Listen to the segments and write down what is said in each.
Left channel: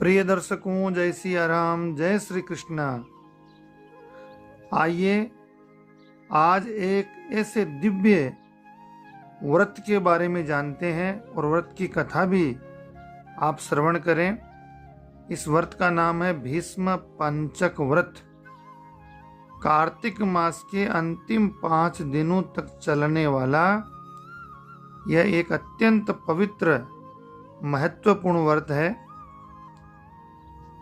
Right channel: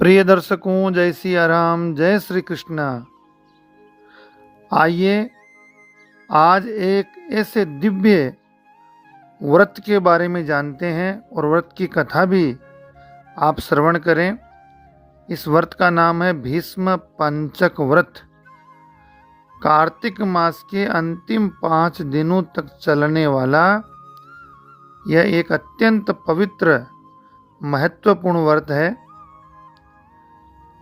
प्रिय दर्शकों, जय सिया राम, जय श्री कृष्णा। आइए आज एक ऐसे दिव्य व्रत के बारे में जानते हैं और व्रत की कथा भी आप श्रवण करें। इस व्रत का नाम है भीष्म पंचक व्रत। कार्तिक मास के अंतिम 5 दिनों तक चलने वाला यह एक अत्यंत पवित्र महत्वपूर्ण व्रत है।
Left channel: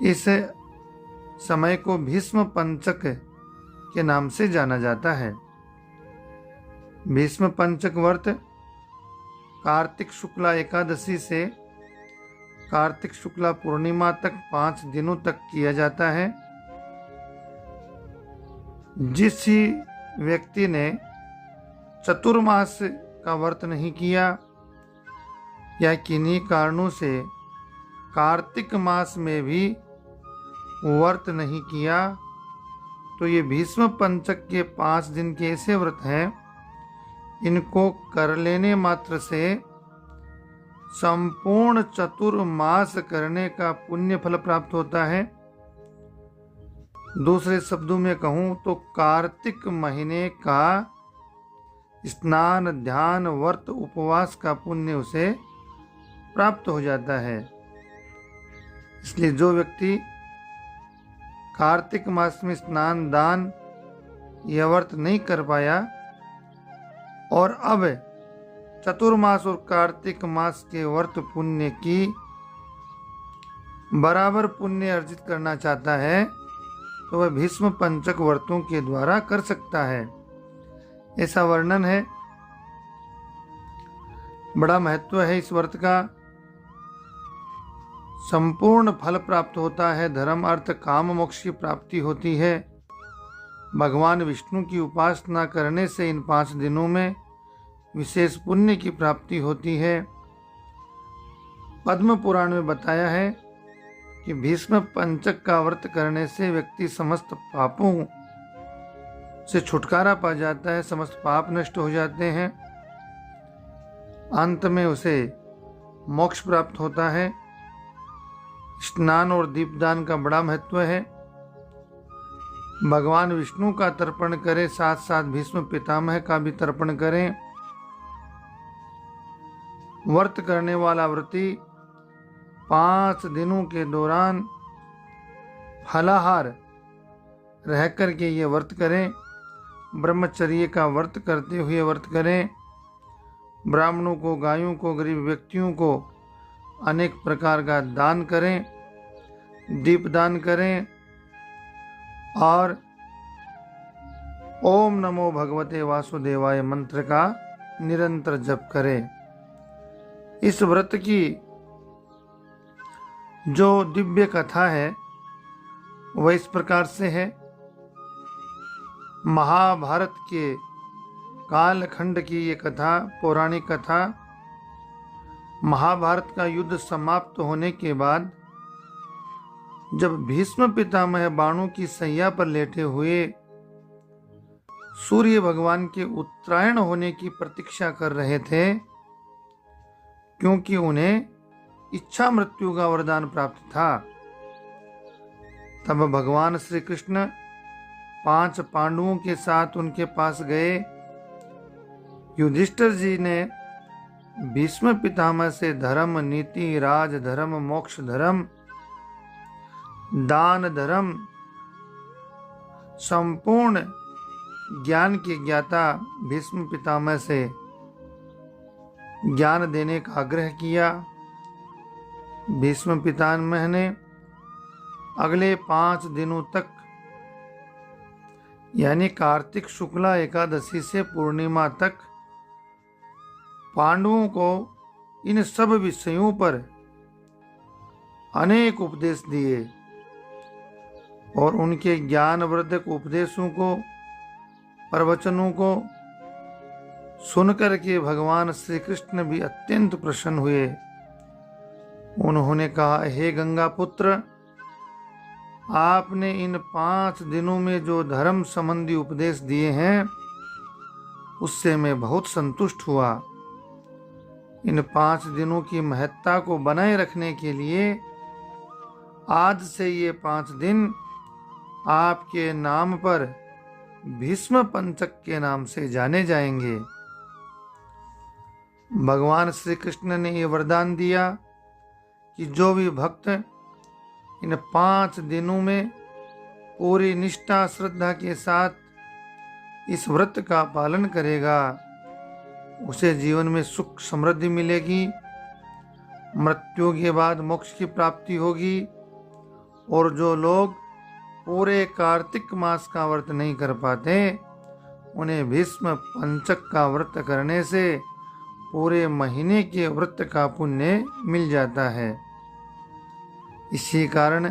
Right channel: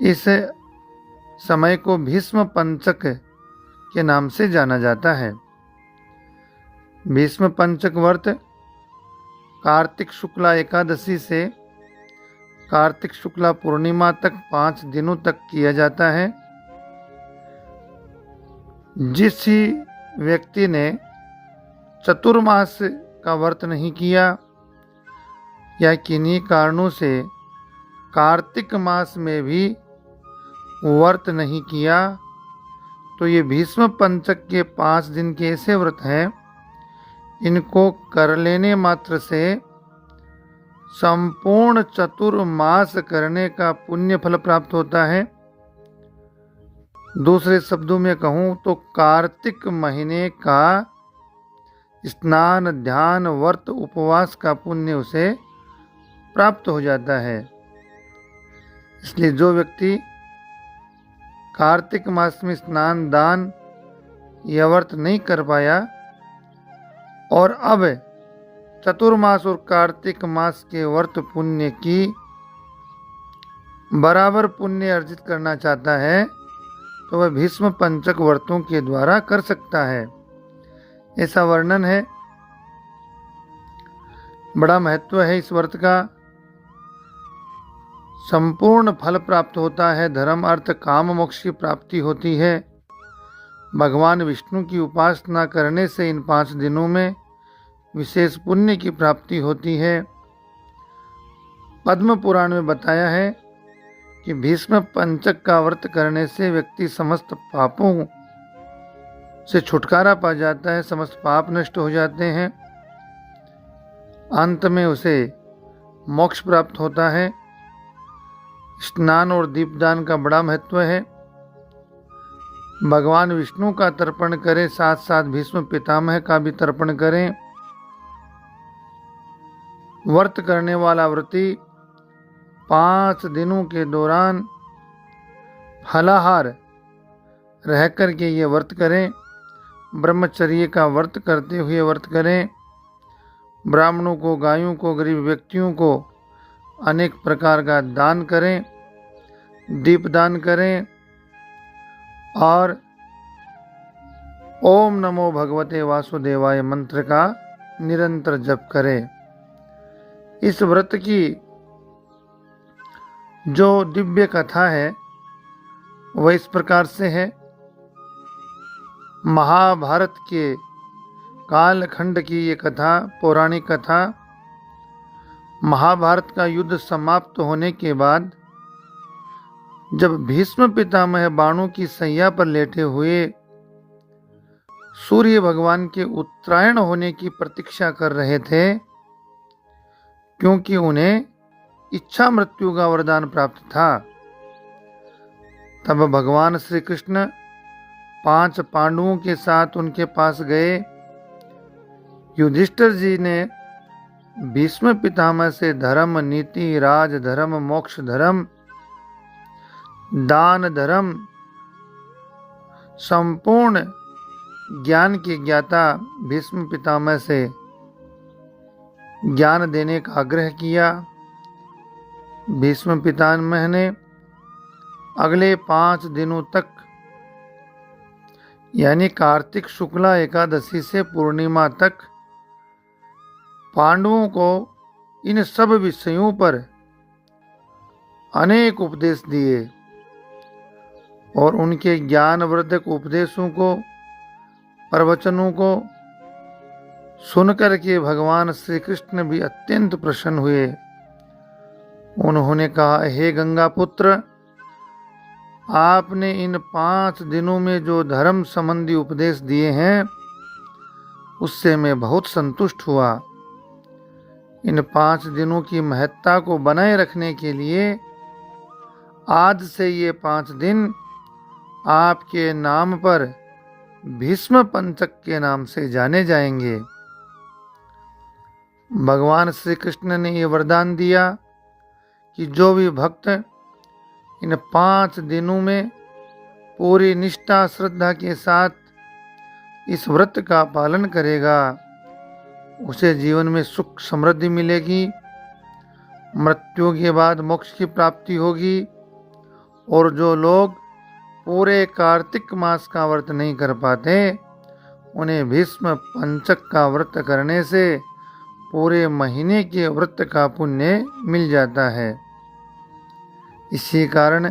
इस समय को भीष्म पंचक के नाम से जाना जाता है। भीष्म पंचक व्रत कार्तिक शुक्ला एकादशी से कार्तिक शुक्ला पूर्णिमा तक 5 दिनों तक किया जाता है। जिस व्यक्ति ने चतुर्मास का व्रत नहीं किया या किन्हीं कारणों से कार्तिक मास में भी व्रत नहीं किया, तो ये भीष्म पंचक के 5 दिन के ऐसे व्रत हैं, इनको कर लेने मात्र से संपूर्ण चतुर्मास करने का पुण्य फल प्राप्त होता है। दूसरे शब्दों में कहूँ तो कार्तिक महीने का स्नान, ध्यान, व्रत, उपवास का पुण्य उसे प्राप्त हो जाता है। इसलिए जो व्यक्ति कार्तिक मास में स्नान, दान या व्रत नहीं कर पाया और अब चतुर्मास और कार्तिक मास के व्रत पुण्य की बराबर पुण्य अर्जित करना चाहता है, तो वह भीष्म पंचक व्रतों के द्वारा कर सकता है। ऐसा वर्णन है। बड़ा महत्व है इस व्रत का। संपूर्ण फल प्राप्त होता है। धर्म, अर्थ, काम, मोक्ष की प्राप्ति होती है। भगवान विष्णु की उपासना करने से इन 5 दिनों में विशेष पुण्य की प्राप्ति होती है। पद्म पुराण में बताया है कि भीष्म पंचक का व्रत करने से व्यक्ति समस्त पापों से छुटकारा पा जाता है, समस्त पाप नष्ट हो जाते हैं, अंत में उसे मोक्ष प्राप्त होता है। स्नान और दीपदान का बड़ा महत्व है। भगवान विष्णु का तर्पण करें, साथ साथ भीष्म पितामह का भी तर्पण करें। व्रत करने वाला व्रती 5 दिनों के दौरान फलाहार रह कर के ये व्रत करें। ब्रह्मचर्य का व्रत करते हुए व्रत करें। ब्राह्मणों को, गायों को, गरीब व्यक्तियों को अनेक प्रकार का दान करें, दीप दान करें और ओम नमो भगवते वासुदेवाय मंत्र का निरंतर जप करें। इस व्रत की जो दिव्य कथा है वह इस प्रकार से है। महाभारत के कालखंड की ये कथा, पौराणिक कथा। महाभारत का युद्ध समाप्त होने के बाद जब भीष्म पितामह बाणों की सैया पर लेटे हुए सूर्य भगवान के उत्तरायण होने की प्रतीक्षा कर रहे थे, क्योंकि उन्हें इच्छा मृत्यु का वरदान प्राप्त था, तब भगवान श्री कृष्ण 5 पांडवों के साथ उनके पास गए। युधिष्ठिर जी ने भीष्म पितामह से धर्म, नीति, राज धर्म, मोक्ष धर्म, दान धर्म, संपूर्ण ज्ञान के ज्ञाता भीष्म पितामह से ज्ञान देने का आग्रह किया। भीष्म पितामह ने अगले 5 दिनों तक यानी कार्तिक शुक्ला एकादशी से पूर्णिमा तक पांडवों को इन सब विषयों पर अनेक उपदेश दिए और उनके ज्ञानवर्धक उपदेशों को, प्रवचनों को सुनकर के भगवान श्री कृष्ण भी अत्यंत प्रसन्न हुए। उन्होंने कहा, हे गंगा पुत्र, आपने इन 5 दिनों में जो धर्म संबंधी उपदेश दिए हैं उससे मैं बहुत संतुष्ट हुआ। इन 5 दिनों की महत्ता को बनाए रखने के लिए आज से ये 5 दिन आपके नाम पर भीष्म पंचक के नाम से जाने जाएंगे। भगवान श्री कृष्ण ने ये वरदान दिया कि जो भी भक्त इन 5 दिनों में पूरी निष्ठा श्रद्धा के साथ इस व्रत का पालन करेगा, उसे जीवन में सुख समृद्धि मिलेगी, मृत्यु के बाद मोक्ष की प्राप्ति होगी। और जो लोग पूरे कार्तिक मास का व्रत नहीं कर पाते, उन्हें भीष्म पंचक का व्रत करने से पूरे महीने के व्रत का पुण्य मिल जाता है। इसी कारण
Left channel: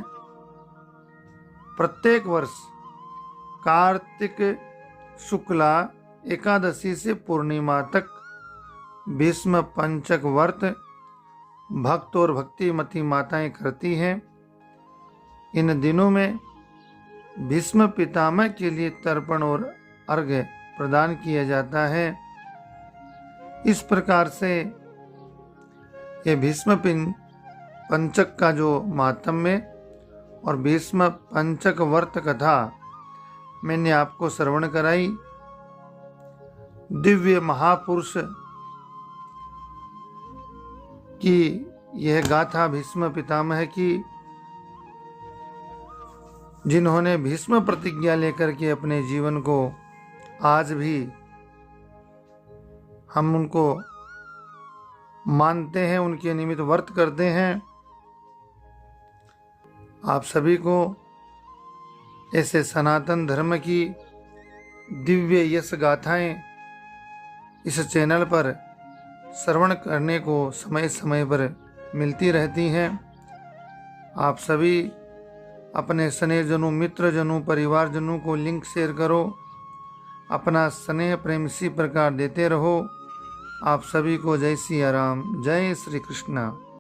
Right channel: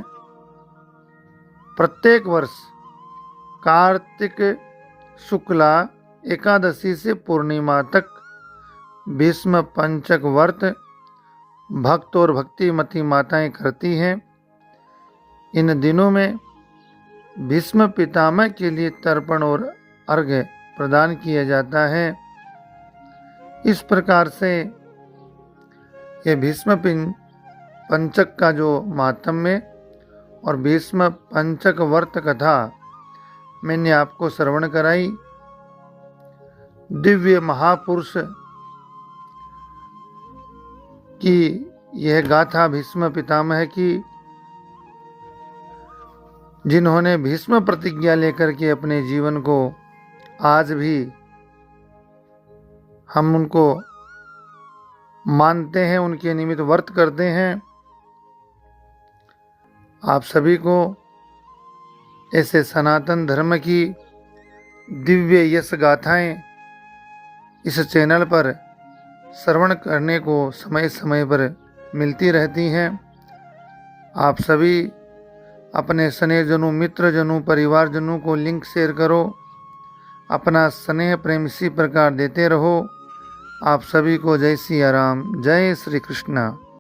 प्रत्येक वर्ष कार्तिक शुक्ला एकादशी से पूर्णिमा तक भीष्म पंचक व्रत भक्त और भक्तिमती माताएं करती हैं। इन दिनों में भीष्म पितामह के लिए तर्पण और अर्घ्य प्रदान किया जाता है। इस प्रकार से ये भीष्म पंचक का जो माहात्म्य और भीष्म पंचक व्रत कथा मैंने आपको श्रवण कराई। दिव्य महापुरुष की यह गाथा भीष्म पितामह की, जिन्होंने भीष्म प्रतिज्ञा लेकर के अपने जीवन को आज भी हम उनको मानते हैं, उनके निमित्त व्रत करते हैं। आप सभी को ऐसे सनातन धर्म की दिव्य यश गाथाएं इस चैनल पर श्रवण करने को समय समय पर मिलती रहती हैं। आप सभी अपने स्नेहजनों, मित्रजनों, परिवारजनों को लिंक शेयर करो। अपना स्नेह प्रेम इसी प्रकार देते रहो। आप सभी को जय सिया राम, जय श्री कृष्ण।